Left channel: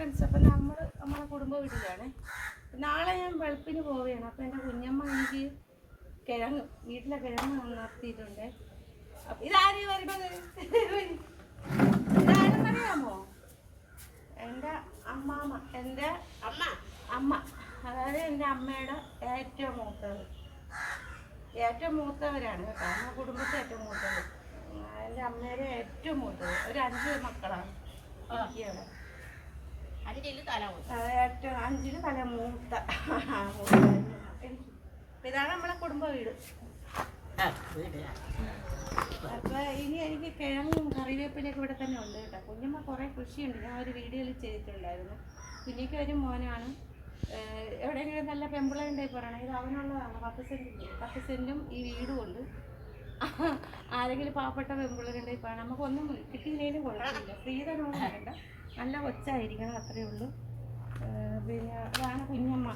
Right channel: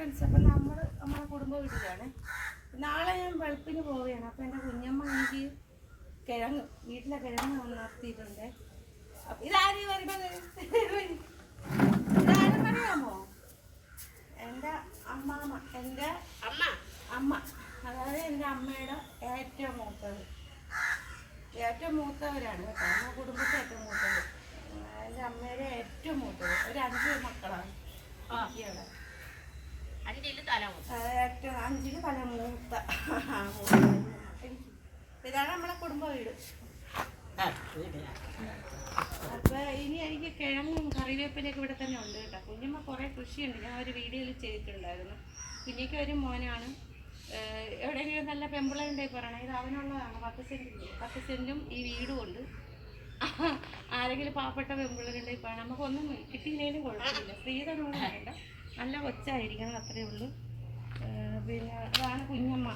Friends, അപ്പം നമ്മുടെ കുടുംബ വീട്ടിലാണ്. നാളെ ഞാൻ വെളുപ്പിന് പോവുകയാണ്. അപ്പം എൻ്റെ കുഞ്ഞമ്മ എനിക്ക് വീട്ടിലെ കിഴങ്ങ് നിർത്തിയിട്ടുണ്ട്. അപ്പം ഇതാരും വരുന്നത് ഇതാരെന്നറിയാമോ? എൻ്റെ അമ്മാമ്മ, എൻ്റെ അമ്മ, അതായത് എൻ്റെ അമ്മയുടെ ഏറ്റവും മൂത്തവരാണ് കേട്ടോ. നമ്മുടെ കുടുംബത്തെ ഏറ്റവും മൂത്തത്, എൻ്റെ അമ്മയുടെ ഏറ്റവും മൂത്തത്. ഒരു 5 മക്കളാണ് ഇവിടെ. 5 തല മൂത്ത. ഇതാണ് നമ്മളെ കുടുംബ വീട്. അപ്പൊ ഇനി എനിക്ക് കിഴങ്ങും കറിവേപ്പിലൊക്കെ ഇവിടെ തന്നെ ഉണ്ട് കേട്ടോ. കുഞ്ഞമ്മ കുറെ കൃഷിയുണ്ട്, ഞാൻ ഒരു വീഡിയോയിൽ ചെയ്തിട്ടുണ്ടായിരുന്നു. കുഞ്ഞിക്ക് ഒരു മോനാണ്. എവിടെയെങ്കിലും നല്ല പെമ്പിളുണ്ടായി പറയണം, ഇത് അവനുള്ളതാണ്. 10 സെന്റും ഈ വീടും ഉണ്ട്. ആരെങ്കിലും പാവപ്പെട്ട പെമ്പിളുണ്ടായി പറയണം. നമുക്കൊന്നും കിട്ടിയില്ലേലും കുഴപ്പമില്ല, സ്ത്രീധനോട് വേണ്ട, നല്ല കൊച്ചായിരിക്കണം, അത്രയേ ഉള്ളൂ. പിന്നെ അതാണ് കുഞ്ഞമ്മ.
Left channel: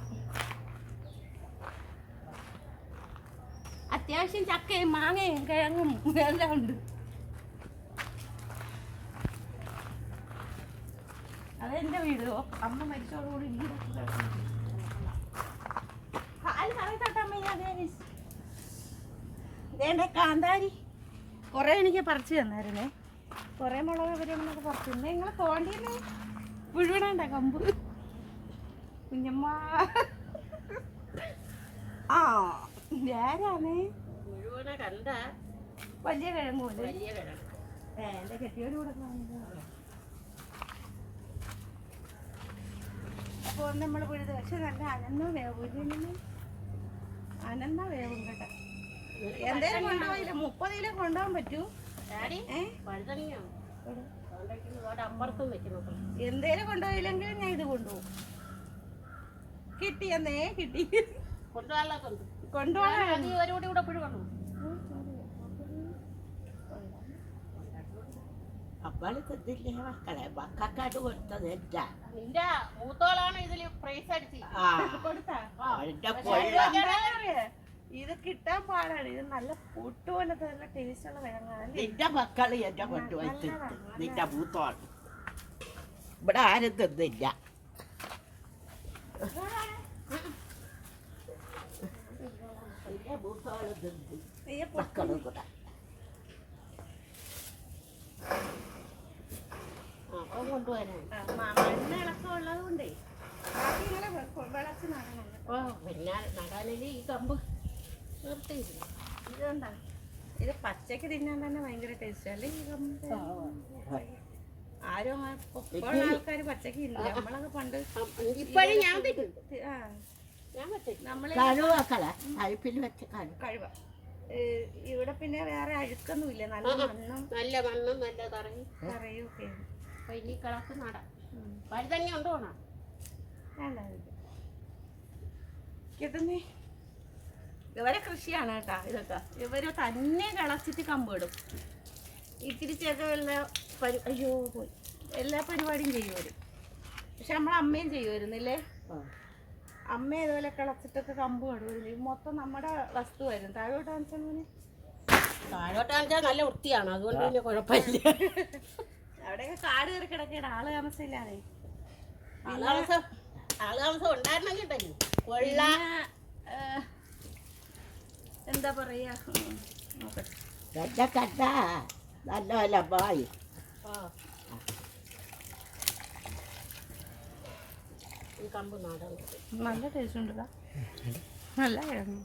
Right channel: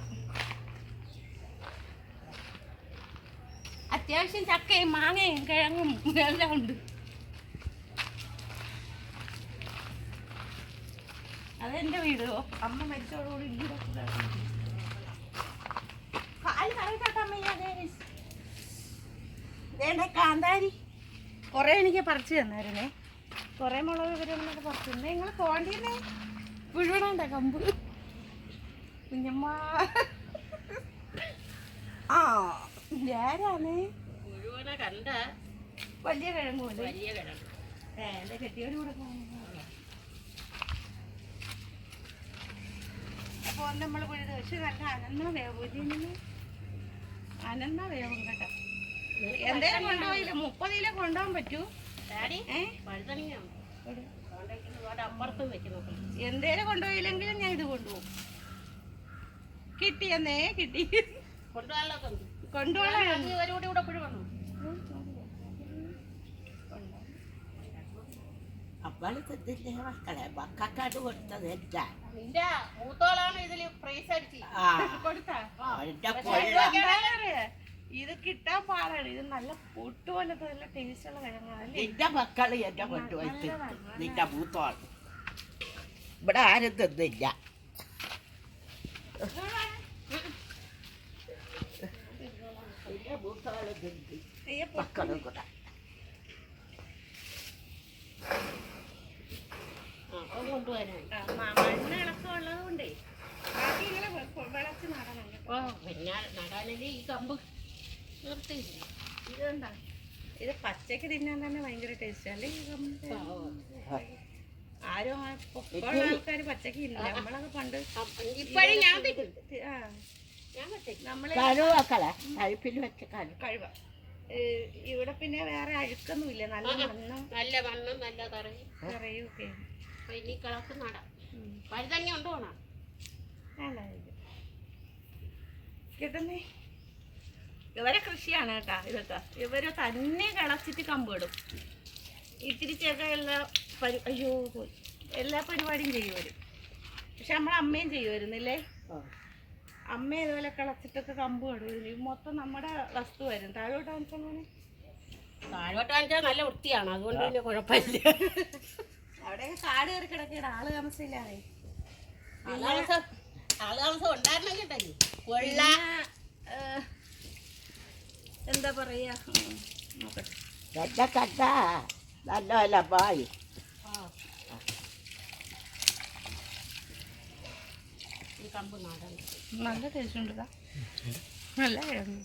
അത്യാവശ്യം ചക്കയും മാങ്ങയും കിഴങ്ങും എല്ലാം ഉണ്ട്. അതെന്റെ വീട്. അമ്മ മരിച്ചോടുകൂടി ഇതേണ്ട കാന്താരി കുറെ എനിക്ക് പറിച്ചു തന്നായിരുന്നേ. കുറെ മുളക് ഇവരൊക്കെ പറിച്ചു തന്നെ. നിങ്ങൾ പോണ്ടീന്നേ മുഴുവനുണ്ട കമ്പ്. കുഞ്ഞമ്മ ആ ആരാണ് മുഴുവനെ കണ്ട വലിയ കിഴങ്ങ് എന്റെ കെട്ടിയോട് കൂടെ. അപ്പോൾ നമ്മൾ പുഴുത് പക്ഷെ നല്ല അനന്ന വേവും കേട്ടോ. എന്തേലും കൊണ്ടുപോയില്ല, 30 കിലോ കൊണ്ടുപോകാൻ പറ്റൂ. എന്തേലും കൊണ്ടുപോയില്ലെങ്കിലും ഞാൻ ഇത് കൊണ്ടുപോകും. കിട്ടിയെന്നേ കിട്ടി കൊണ്ടുപോകാൻ. ഇത് കിട്ടാൻ പാടാണ്. ഇത് നല്ല പൊട്ട് പോലത്തെ നല്ല ടേസ്റ്റുള്ള കിഴങ്ങാണ്. നിന്റെ മക്കള് എന്റെ പൊട്ട് വെച്ച് നിന്റെ മൂത്തോളം ഇവിടെ ആരും തിന്നില്ല. മക്കളും കൂടെ മണ്ണ് ഇളക്കമുള്ളത് കൊണ്ടേ ബാക്കി ഇങ്ങനെ വിളച്ച് നടണം. പിന്നെ നടാനല്ലേ ഈ കമ്പ് നിർത്തിയില്ല. ഇതെന്താ, ഇത് പച്ചക്ക് തിന്നാൻ തന്നെ ഭയങ്കര ടേസ്റ്റ് അല്ലേ ഈ കമ്പ്. ആരും ഇപ്പോഴുള്ള ആൾക്കാർ പച്ചക്ക് ഇല്ല. നമ്മളൊക്കെ പണ്ട് കഴിവ. ഇവിടെ പിന്നെ വേറെ അഴുക്കൊന്നും ഇല്ല, നല്ല മണ്ണും നല്ല കറിയും ഒക്കെ. കിട്ടുന്നേ ഇവരെ കൃഷിയാണ് കേട്ടാ. ഇതൊക്കെ ഇവര് തന്നെ കിളച്ചിട്ട് കമ്പിടും. ഇത്തിരിച്ചൊക്കെ എല്ലാ പരിപാടിയും ചെയ്യുവര്. പക്ഷെ നമ്മളെ അമ്മയും ചെയ്യുമായിരുന്നില്ലേ? അമ്മ ഇതുപോലെ കിളച്ചിട്ടൊക്കെ കമ്പ് കടുവരും. മൊത്തം നമ്മുടെ വസ്തു വരും. താഴോട്ട് കാണിച്ചാൽ നല്ല വൃത്തിയാണ്, അതുകൊണ്ട് പിന്നെ കുഴപ്പമില്ല. അവിടെയൊക്കെ കാട് കയറി കിടക്കണ ആള് താമസമില്ലാതെ. എന്താ പറയാ, നല്ല ബായി ഈ കമ്പ് നാടാൻ നല്ല ടേസ്റ്റ് ഉണ്ട്. നല്ല അതാണ്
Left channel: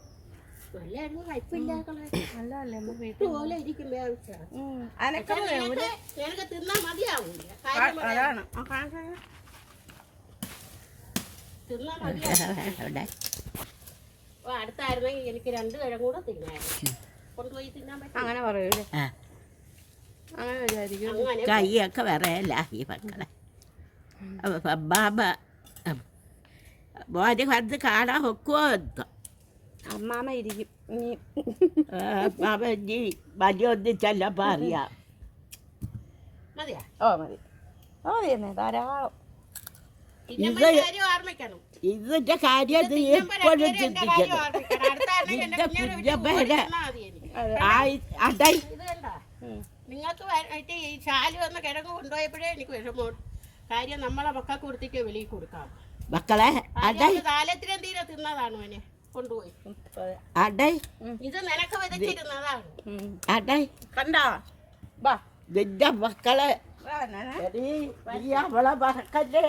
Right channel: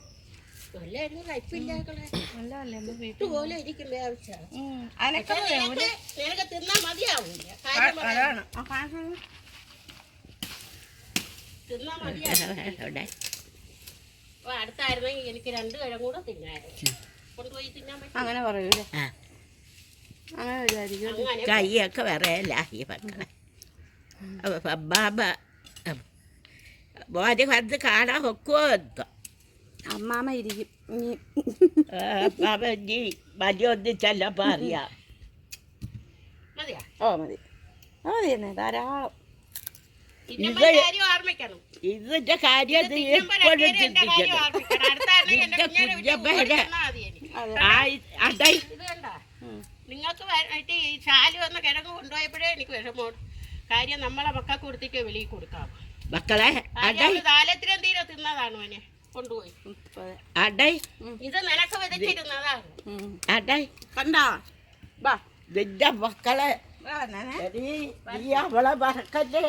അടുത്തായിരുന്നെങ്കിൽ എനിക്ക് 2 കിഴങ്ങ് കൂടെ തിന്നായിരുന്നു. കൊണ്ടുപോയി തിന്നാൻ പറ്റും. അങ്ങനെ പറയൂലേ? അങ്ങനെ വിചാരിക്കും. കൈയൊക്കെ വിറയല്ല ഈ മക്കളെ. ബാബ മോനെ വന്ന് കാണാൻ വെക്കുമോ എന്തോ. അമ്മാമ ഇരിക്കും ഇനി വലിയ ഒന്നിച്ചല്ലപ്പോ അറിയാം. മതിയാ? ഓ മതി, മതി ധാരാളം. ഇതിന്റെ കാര്യം എപ്പോഴും നിങ്ങൾക്ക് ഈ ശാലു വന്ന കിഴങ്ങ് കൊണ്ടുപോയപ്പോഴേ എനിക്ക് വിഷമം. കാര്യം നമ്മളെ മക്കൾക്ക് കൊടുത്തിട്ട് വെളിയിൽ കൊടുക്കാം. മക്കളെ താലത്തിലും തീരെ തിന്നതാണ് മോനെ കൊണ്ടുപോയി. അടൈ ഇത് നിനക്ക് വിതച്ചിരുന്നതാണ്. അടൈ കണ്ടോ നിന്റെ മക്കളെ നീ അവളെ മറക്കല്ലേ.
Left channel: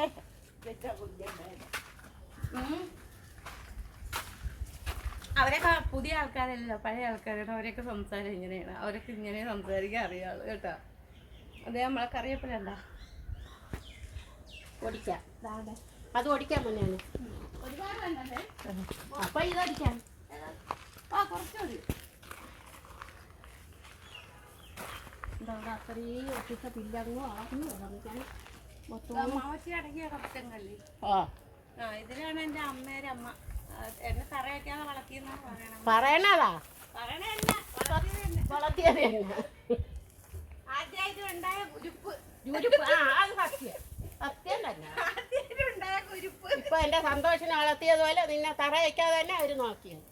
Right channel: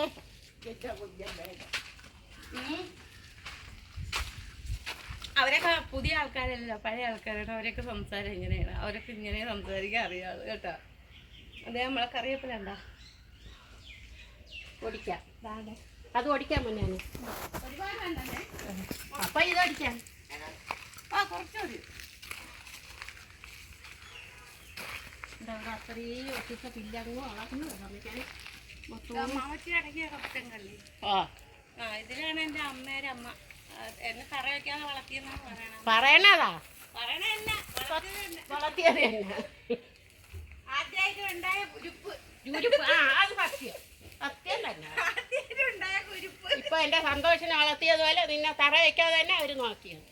അവരൊക്കെ പുതിയ ആൾക്കാരല്ലോ, പഴയ ആൾക്കാരാണ്. അവരൊക്കെ സംസാരം ഇങ്ങനെയാണ്. അവരൊക്കെ ഇങ്ങനെ സംസാരിക്കാൻ അറിയാള് കേട്ടോ. അതേ നമ്മളെ കറിവേപ്പിലുണ്ടോ ഓടിക്കാം, അത് ഓടിക്കാൻ തന്നെയാണ്. ഒരുപാട് വേണ്ടേ? അപ്പൊ ഇത് ഓടിക്കാം. കുറച്ചുകൂടി അത്രയും ഒട്ടിച്ച പില്ലങ്ങോ അളക്കുന്നു മാമച്ചി അടങ്ങിയ കപ്പങ്കള്ളി. ഇതിലാണ് എൻ്റെ അമ്മേരെ അമ്മ എന്നെ തറ വയ്ക്കാതെ വളർത്തിയെന്നാണ് പറയണതാ. പറയണല്ല, വളർത്തിയത് തന്നെ. ആദ്യമായിട്ട് ഉണ്ടായ കുരുപ്പ്. അത് സത്യം, സത്യം തന്നെ. ആദ്യമായിട്ട് ഉണ്ടായ കുരുപ്പ് ഇപ്പൊ എന്റെ സന്തോഷം വളർത്തിയതുപോലെ നിന്നെ തറ വയ്ക്കാതെ തന്നെ അവര് നോക്കിയത്.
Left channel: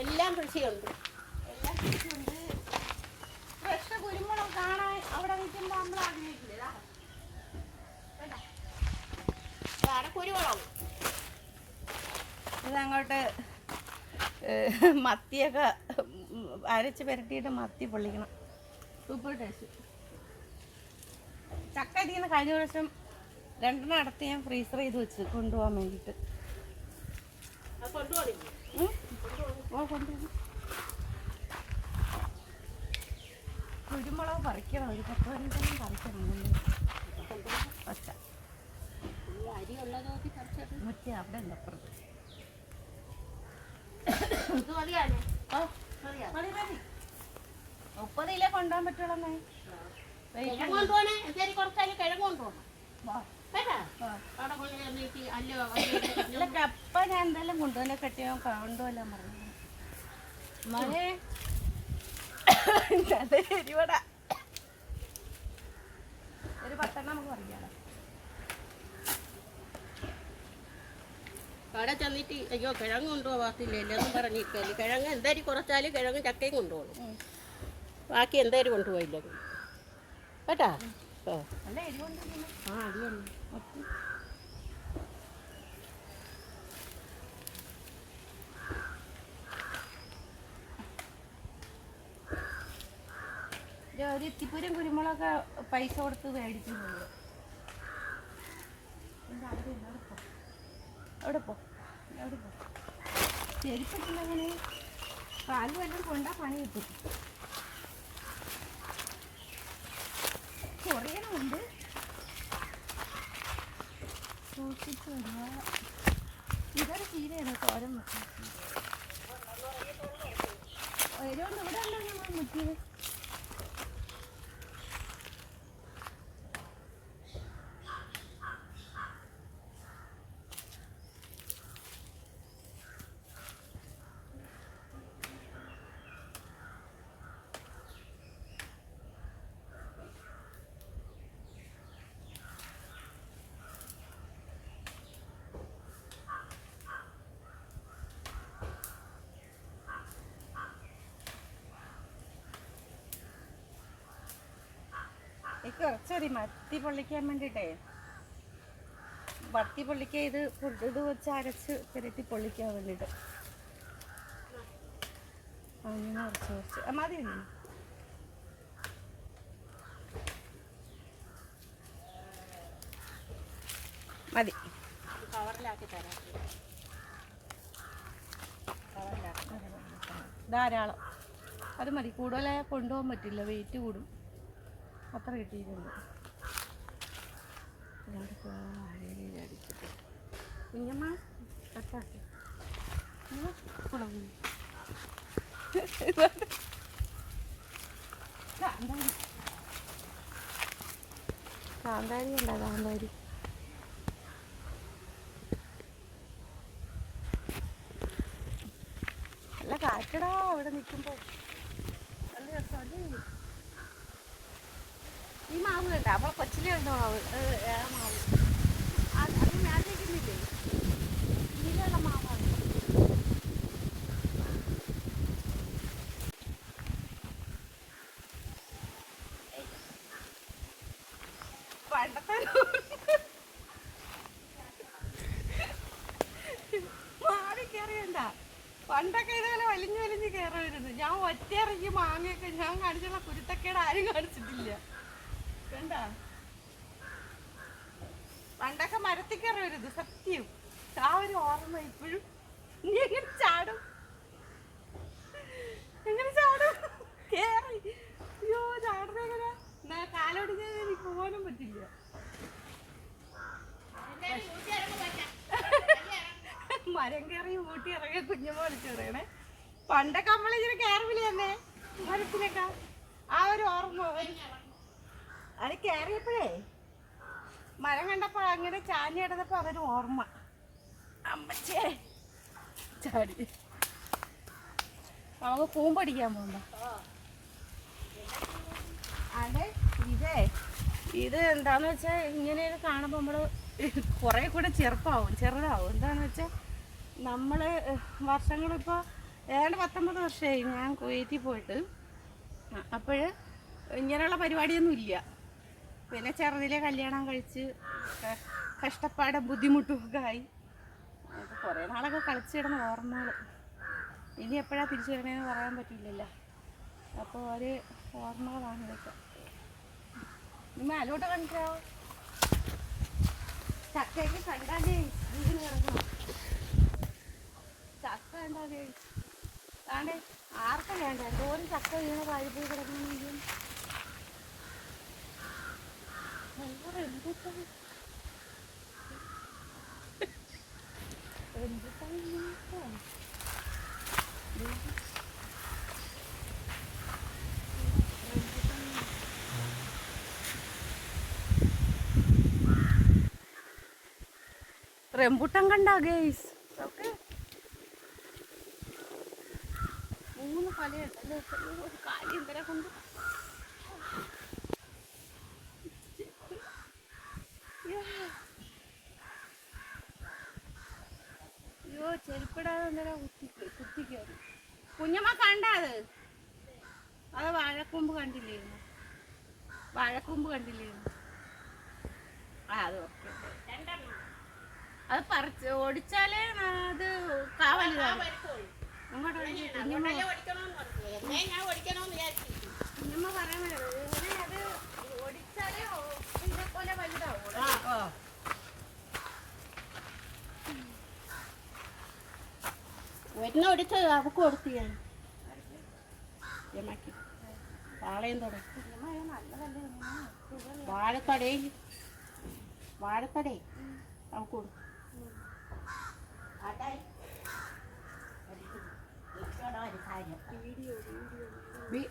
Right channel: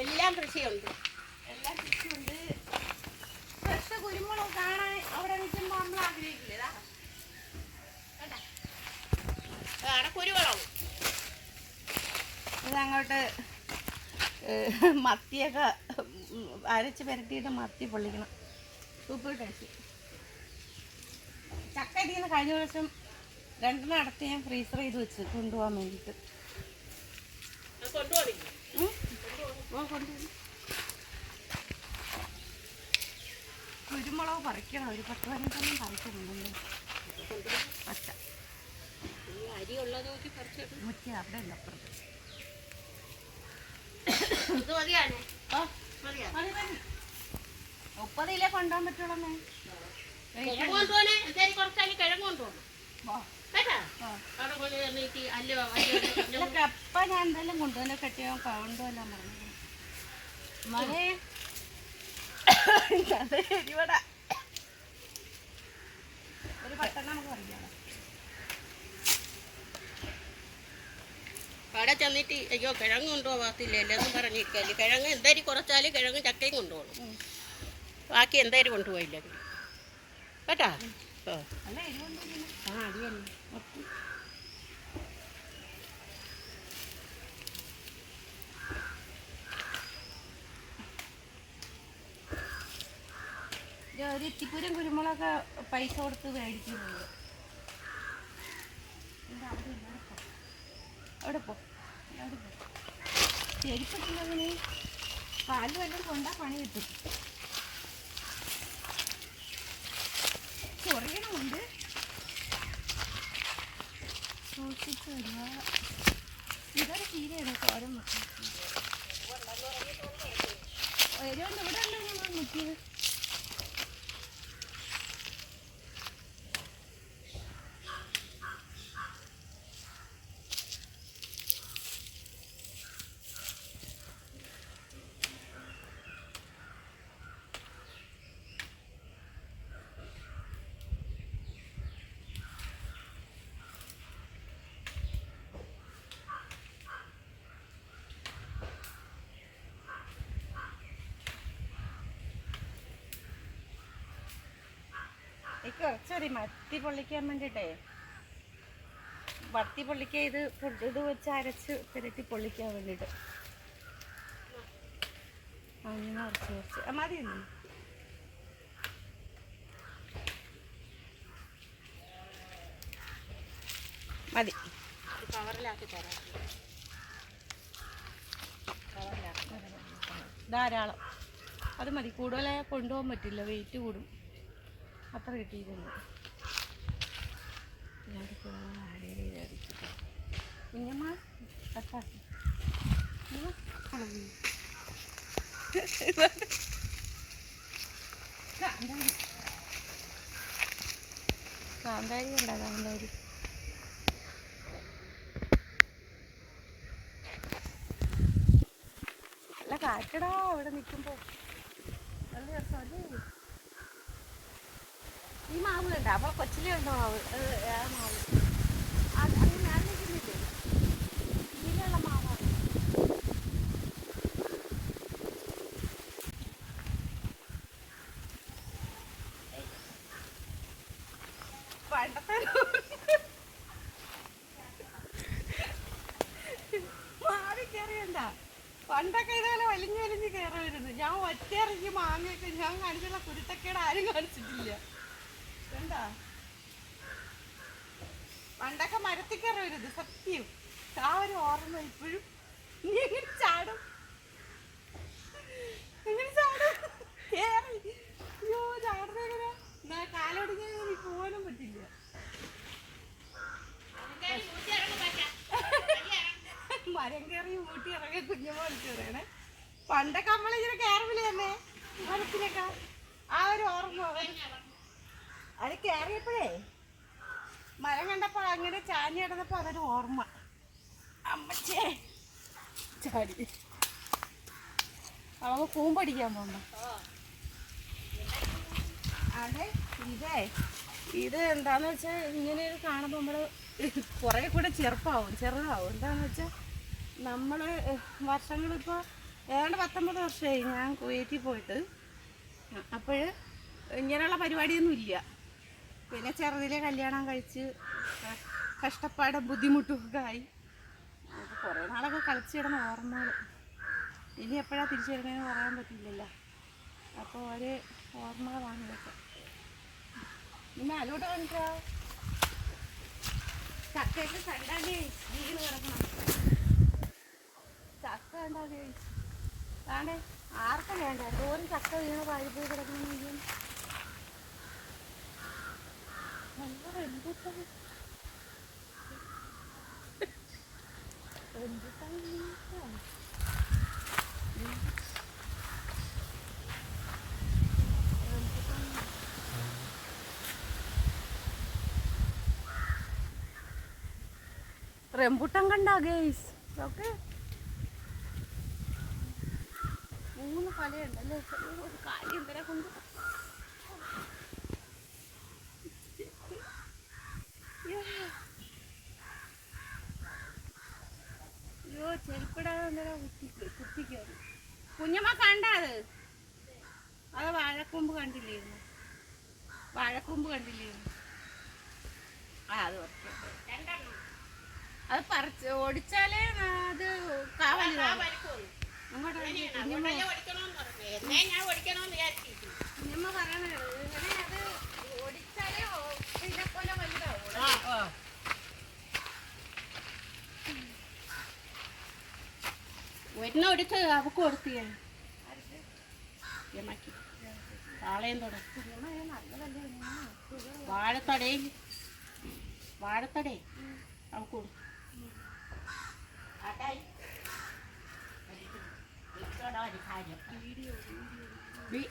എല്ലാം കൃഷിയുണ്ട്, എല്ലാം കൃഷിയുണ്ട്. ഫ്രഷ് കുരുമുളക് കാണാൻ അവിടെ നിൽക്കുമ്പോൾ നമ്മൾ ആഗ്രഹിക്കില്ലേ? കുരുമുളക് ഇതങ്ങോട്ട് മത്തിയൊക്കെ അരച്ച് പുരട്ടിയിട്ട് മത്തി പൊള്ളിക്കണം. Super taste. ചക്ക ഇതിന് കഴിഞ്ഞ ദിവസം 2 അടുത്ത് ഞാൻ ഫ്രീസർ ചെയ്ത് വെച്ച് കൊണ്ടുപോകാൻ വേണ്ടിയിട്ട്. കുരുമുളക് പറിക്കണം, ഒരു 10-15 പറിക്കണം. പച്ച അരി ഉള്ളത് മുറ്റ അവിടെ ഉണ്ട് അപ്പുറം. ഇത് മതിയാണ്. 30 കിലോ കൊണ്ടുപോകാൻ പറ്റുള്ളൂ. കിഴങ്ങ് കൊണ്ടുപോകണേ, എന്തായാലും കുറച്ചാലും കിഴങ്ങ് കൊണ്ടുപോകണം. കപ്പ ഞാൻ എന്തായാലും കൊണ്ടുപോലെ കെട്ടിയോ കൊണ്ടുപോലാൻ പറഞ്ഞു. മഴ എരിവട ഒരു പട്ടെണ്ണം നമുക്ക് പറയാം. അവിടെ ചെന്നിട്ട് അയ്യോ കിഴങ്ങ് കൊണ്ടുപോകത്തില്ല എല്ലാം പറഞ്ഞിരിക്കല്ലേ. കിഴങ്ങ് എന്തായാലും കുറച്ചാലും കിഴങ്ങ് ചക്കയും കൊണ്ടുപോകണം. ബാക്കി എന്തായാലും കൊണ്ടുപോയില്ല കേട്ടോ. നല്ല എരിവുണ്ട്. അത് തന്നെ. ഒരു ഇത്തിപ്പൂരം കുരുമുളകൊക്കെ പൈസ കൊടുത്ത് മേടിക്കുന്നുണ്ട്. അവിടെ പോ ചെരുപ്പിട്ടുള്ളതിന് കാല് വല്ലതും കൊണ്ടാ പണി കിട്ടും. ചൊറിയണമുണ്ട്. സൂക്ഷിച്ച് ഒരുപാട് ഇതൊരു ചീരയാണ് തോരൻ വെക്കുന്നത്. എരിവുണ്ട്. ഇവിടെ ഉണ്ടോ നമ്മൾ മുറ്റിയത്? കുറച്ചറി മത്തി പൊള്ളിക്കാൻ വേണ്ടിയിട്ടേ, മത്തി പൊള്ളിക്കാൻ ഇത് വെച്ച് അരച്ച് പുരട്ടി പൊള്ളിക്കാൻ വേണ്ടിയിട്ട്. അങ്ങനെ കുറച്ച് മതി മതി. ധാരാളം അത് മതി. കൂടുതലായി കൊണ്ടുപോകാൻ പറ്റില്ല, വെയിറ്റ് കൂടും. അത്ര കിട്ടിയിട്ടുണ്ട്. കുഞ്ഞമ്മ കട്ടാക്കി കാന്താരി ഉണ്ടോ? കാന്താരി നല്ല കാറ്റടാ അവിടെ നിൽക്കുമ്പോൾ. നല്ല രസമല്ലേ? ഈ മാവ് കണ്ട അവളെ കൊച്ചിലെ ഉണ്ടോ മാവ്? അത് വേറെ മാവ്. അത് ഞാൻ നിൽക്കുന്നില്ലേ, ഇതിലുള്ള മാവാണ്. ഞാൻ ഒറ്റയിറങ്ങി മാങ്ങയൊക്കെ ഞാൻ കാണിച്ചുള്ള കുരുത്തക്കേട് ആരും കാണിച്ചിട്ടില്ല. വേണ്ട പണ്ടൊക്കെ മരത്തിൽ കയറരുത് സത്യം. ആ ഒരു ഓർമ്മ ഇപ്പോഴും. നീ എങ്ങനെ ചാടും? എങ്ങനെ ചാടും? കേറി അയ്യോ ചാടുന്ന എങ്ങനെ? എന്നാ കാലൊടിഞ്ഞാൽ എനിക്ക് പോകാനും പറ്റില്ല. മരം കയറി ഊട്ടി ഇറങ്ങി കുഞ്ഞമ്മ വിളിച്ചു പറയണേ. പണ്ടൊക്കെ നമ്മളിങ്ങനെ കയറില്ല തന്നെ മരത്തിലൊക്കെ. ആ ഒരു ഓർമ്മ അത് കയറിയപ്പോഴേ മരം കണ്ടപ്പോൾ അങ്ങനെ ചാഞ്ഞ് കിടന്നപ്പോൾ അതൊരു ഓർമ്മ. അമ്മച്ചേ ചാടി അവ കൂമ്പടിക്കാൻ പോകുമ്പോ അതെ ഇത് എന്താന്ന് വെച്ചാൽ ഇങ്ങനെ ഇത് കാണുമ്പോൾ നമ്മൾ കുറേ കൂടെ ചെറുതാവും. എന്താണെന്ന് വെച്ചാൽ നമ്മൾ വർഷങ്ങളിപ്പോൾ ഏതാണ്ട് 19 വർഷമായി ഞാൻ കുവൈറ്റിൽ പോയിട്ട്. അപ്പോൾ ഇങ്ങനെയുള്ള പരിപാടിയൊന്നും ഇല്ല. പിന്നെ ചെറുതിലെ കല്യാണം കഴിച്ച് കഷ്ടപ്പാടും ബുദ്ധിമുട്ടുമൊക്കെ ആയി. അത് കുറേ നാളൊക്കെ കളിച്ചിടുന്ന ഓർമ്മകൾ. ഇനി എപ്പോഴാണ് തിരിച്ചു വരണേന്ന് പറയാൻ പറ്റില്ലല്ലോ. അപ്പോൾ ഒരു ഓർമ്മകളാണ് ഇതൊക്കെ. ഇനി അതിലോട്ട് കണ്ടിട്ടോ ചക്കയ്ക്ക് കണ്ടാലേ വീട് കിടക്കണം. ചക്ക കണ്ടാലേ ആണ്ടേ ആർക്കും വേണ്ട. എന്തോരം ചക്ക വീണ് വാഴപ്പോയി കിടക്കണമെങ്കിൽ റംബുട്ടാൻ കണ്ടാ ഗൈസ്? ഓക്കെ 3 കൊലയുണ്ടല്ലേ. ഒരു കാലി എന്തര കൊണ്ട് അയ്യോ ചെരുപ്പിടാതെ എന്തര കുത്തിക്കയറി. കുഞ്ഞമ്മ കണ്ടത് അത് വാഴക്കൊമ്പ് കണ്ടില്ലായിരുന്നു. അത് ഓക്കെ. അത് പറിച്ച് ഓടിച്ചാലേ അത് കാവലിതാണ്. അങ്ങോട്ട് കുഞ്ഞമ്മ പറയണത് അത് ഓടിച്ചാലേ ഇതിനെ പോലെ വലുതാവും. ഒരെണ്ണം എടുത്ത് അവക്ക് കൊടുത്തു ഞാൻ താളയും തുടങ്ങി. വാഴത്തടേ അവക്ക് കൊടുത്തു.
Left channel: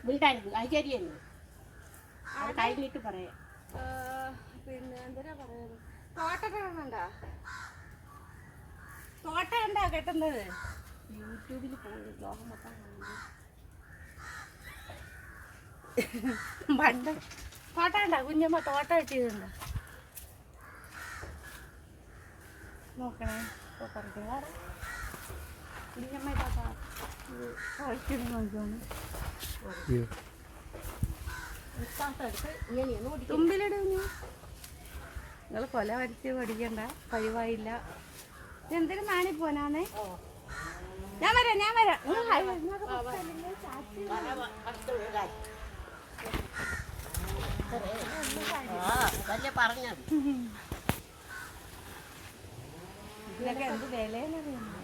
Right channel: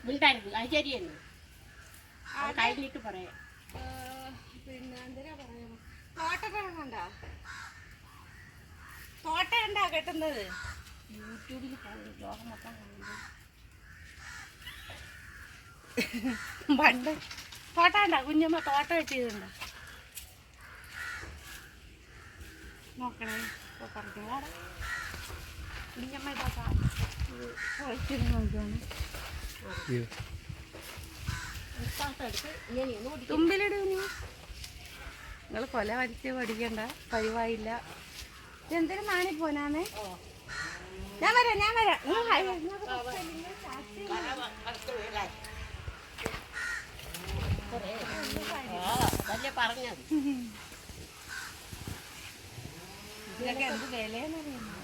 മിണ്ടായിരുന്നു അത് ശരിയെന്ന് അത് കഴിഞ്ഞിട്ട് പറയാം. പിന്നെ എന്തരാ പറയാ, തോട്ട കണ്ടാ കെട്ടുന്നത് യൂട്യൂബിൽ പോയി ലോകം മൊത്തം പണ്ട് തോട്ട കണ്ടാ കുഞ്ഞമ്മ തോട്ട കെട്ടിയതുണ്ടോ നോക്കണേ. കുഞ്ഞമ്മ ഇതാ നോക്കാണ് തുമ്പിലിടൂ. നിങ്ങൾ കൊല വരച്ച് പഠിക്കണ്ട, കഴിവായില്ല. ഇതെന്തിനും നാണി പോനാന്നേ. ഞാൻ വരാം. പറഞ്ഞത് ഇതൊക്കെ എന്ത് വിലയെന്നറിയാമോ?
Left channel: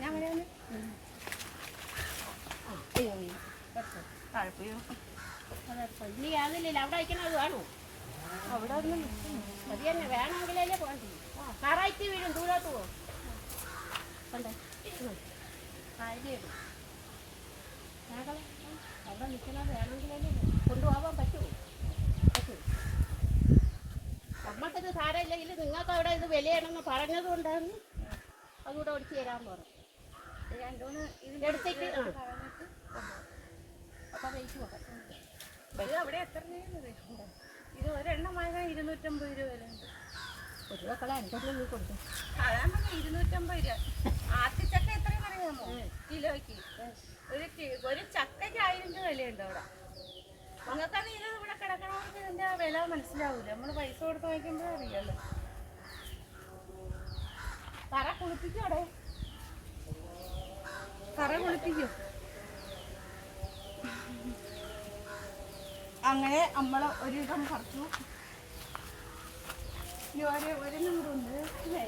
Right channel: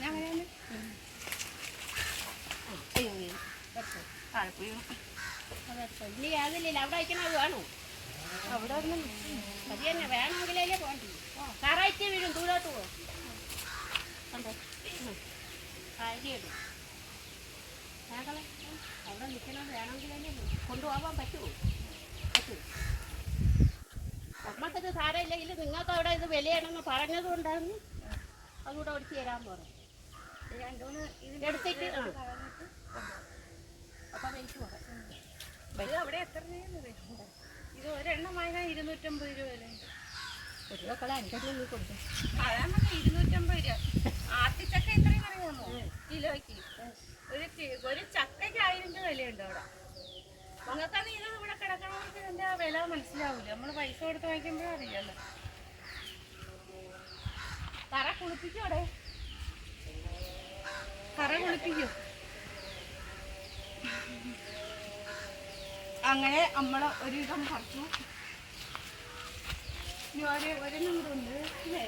ഞാൻ വരാന്ന് ഇനി ആകില്ല. അവിടെ അയക്കണത് വേണോ? അവിടെ ഒന്നും അത് തന്നെ വേണമെങ്കിലേ പോകണ്ടേ. കറക്റ്റ് വീഴും ദൂരോട്ട് പോകും. കാര്യമാണ് ഞങ്ങളെ അവിടെ നിൽക്കണത് വേണമെങ്കിലേ കൊണ്ടുപോകാൻ പറ്റുമോ? നമ്മൾക്കത് സാരമില്ലെങ്കിൽ നിങ്ങൾക്ക് അവിടെ ഇത് വിലയാണെന്ന് പറഞ്ഞതുകൊണ്ടാണ് അതുകൂടെ ഒടിച്ചു തരാൻ പറഞ്ഞു. എടുത്തിട്ട് അപ്പം വെയിറ്റ് പോകാം. അവിടെ എത്ര ഇത് ഒരെണ്ണം വാങ്ങാൻ 250 രൂപ വിലയുണ്ട്. ഒരു മക്കളെ 5 നീ കൊടുത്തു. അതാണ് 250 രൂപ. ആത്തിച്ചക്ക എത്രയും അറിയാമോ കിലോയ്ക്ക്? ഒരു ചക്കയ്ക്ക് 1000 രൂപ വിലയുണ്ട് അവിടെ. നിങ്ങൾക്കത് ഇത് ഇവിടെ കിടക്കണമെങ്കിൽ ഇതിൻ്റെ വില മനസ്സിലാവില്ല. നമ്മൾ പൈസ കൊടുത്ത് വാങ്ങിക്കുമ്പോഴേ അറിയാമല്ലോ. തറ കുളിപ്പിക്കും അവിടെ. തറ കുളിപ്പിക്കും. അങ്ങനെ നമ്മൾ ഒരുവിധം പറിച്ചു. ഇനി ഒരെണ്ണം കൂടെ ഉണ്ട് അല്ലേ?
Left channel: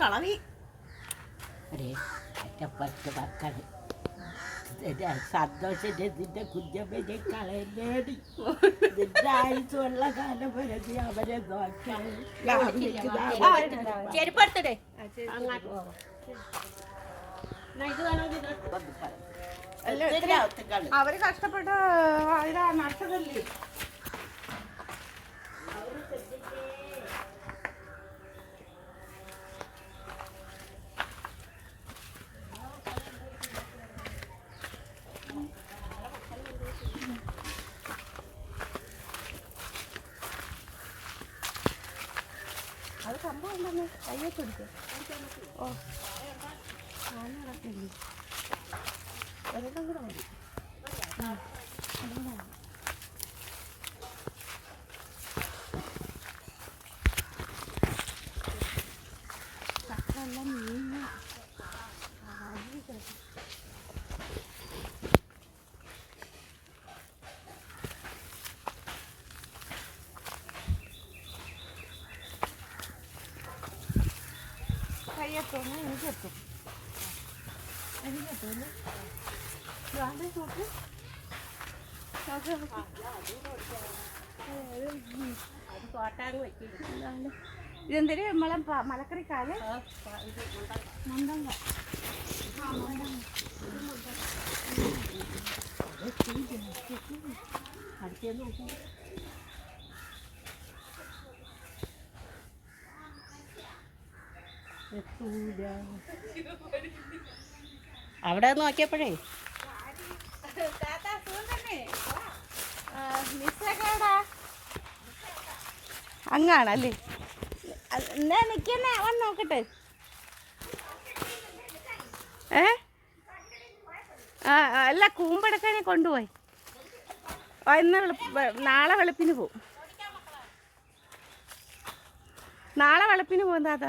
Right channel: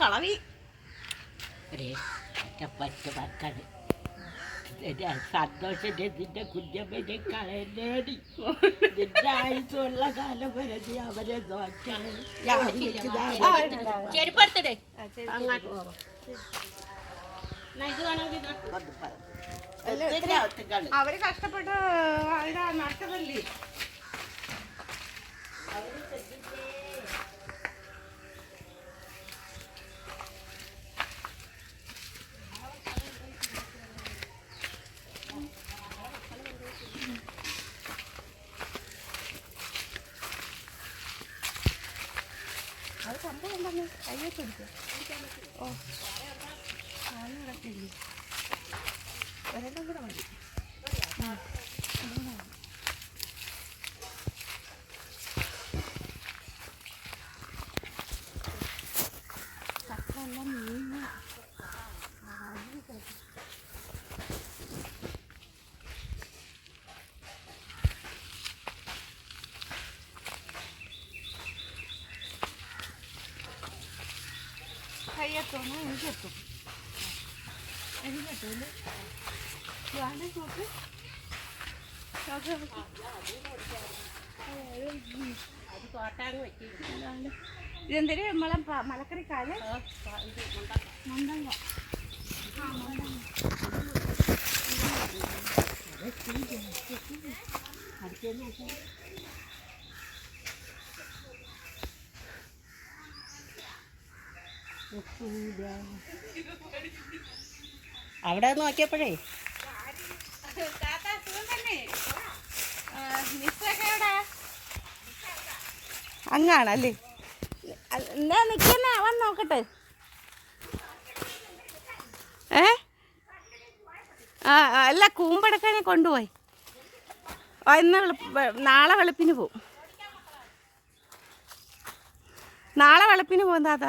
കളവി പറ്റ മക്കള് സന്തോഷന്റെ നിന്റെ കുഞ്ഞമ്മനെ കളയണേടി. നിന്റെ ആയുസുള്ള കാലം വരെ നീ അവരെ നോക്കണേ. ചെരുപ്പെടുത്തടേ. അവര് കഷ്ടപ്പെട്ട് ഇതാ നട്ടതല്ലേ. അത് സംഭവം എന്താണ്? കയ്യൊക്കെ എടുക്കുക. ഓ നടക്കില്ലേ? ഒരെണ്ണം കൂടെ മതി. ചക്കെല്ലാം നീങ്ങ കയ്യെത്തോന്ന് എനിക്കെത്തും. എനിക്കെത്തുമല്ലേ? വേണ്ട നോക്ക്. ഇതെന്തൊരു മലക്കറിക്കാല് മുണ്ടങ്ങ. അവിടെ നോക്കിയപ്പോഴേ അങ്ങാണല്ലേ? ഞാൻ നിൽക്കുന്നേ, അവൻ നോക്കട്ടെ. അല്ല, കൂമ്പെടുക്കാനെ കൊണ്ടുപോയി. ഇന്ന് നാളെ വെളുപ്പിന് പോവും. നാളെ വെളുപ്പിന് പോകും താത്ത.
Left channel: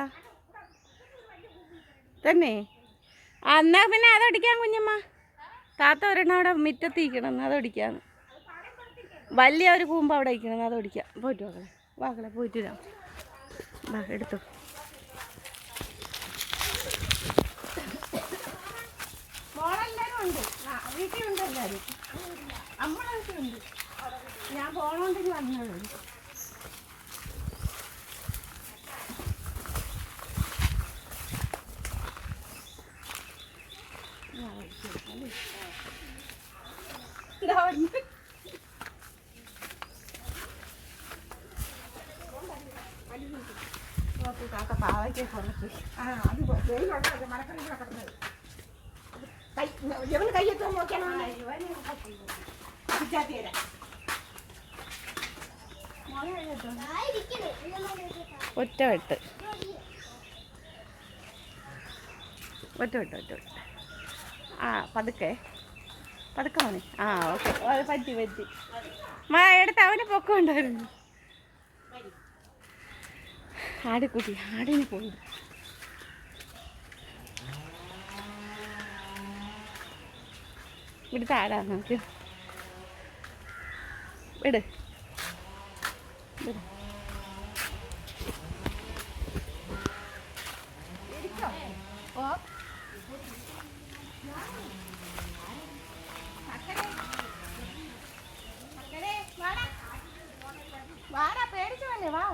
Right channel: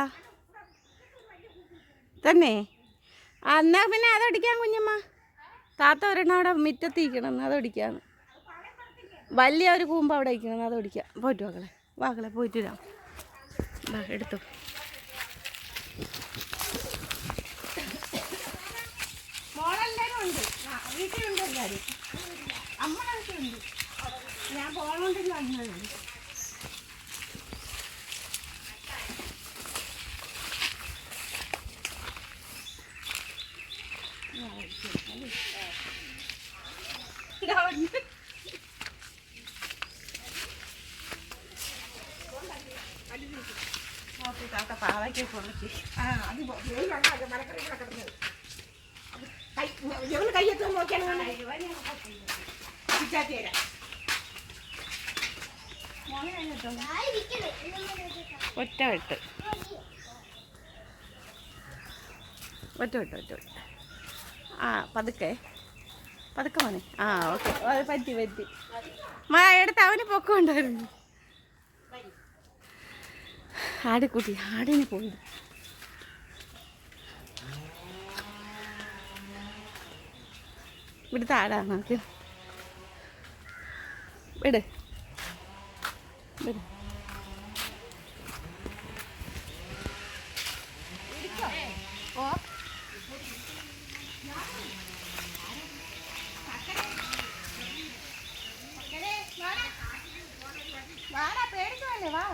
തന്നെ എന്നാ പിന്നെ അതടിക്കാം കുഞ്ഞമ്മ. താത്ത ഒരെണ്ണം അവിടെ മുറ്റത്തിരിക്കണം, അതടിക്കാം. വലിയ ഒരു കൂമ്പ് അവിടെ ഇരിക്കണം, അതടിക്കാം. പോയിട്ട് മക്കളെ, മക്കളെ പോയിട്ട് വരാം. വാ എടുത്തോ. മോളെല്ലാവരും ഉണ്ട്, വീട്ടിലുണ്ട് എല്ലാവരും. അമ്മയുടെ വീട്ടിലുണ്ട്. ഞാൻ പോകണമെങ്കിൽ വന്നത്. ഒറ്റ വെട്ട്. ആ പതുക്കെ മോനെ. ആ ഓക്കെ, പറ്റി എടുത്ത് അവന് പൊക്കമുണ്ടായിരുന്നു. ആടിക്കുട്ടി ആടിന് പോയി. ഇവിടുത്തെ ആടാ നമുക്ക്. വിട്. വാടാ, പേടിക്കുമല്ലേ? വാ.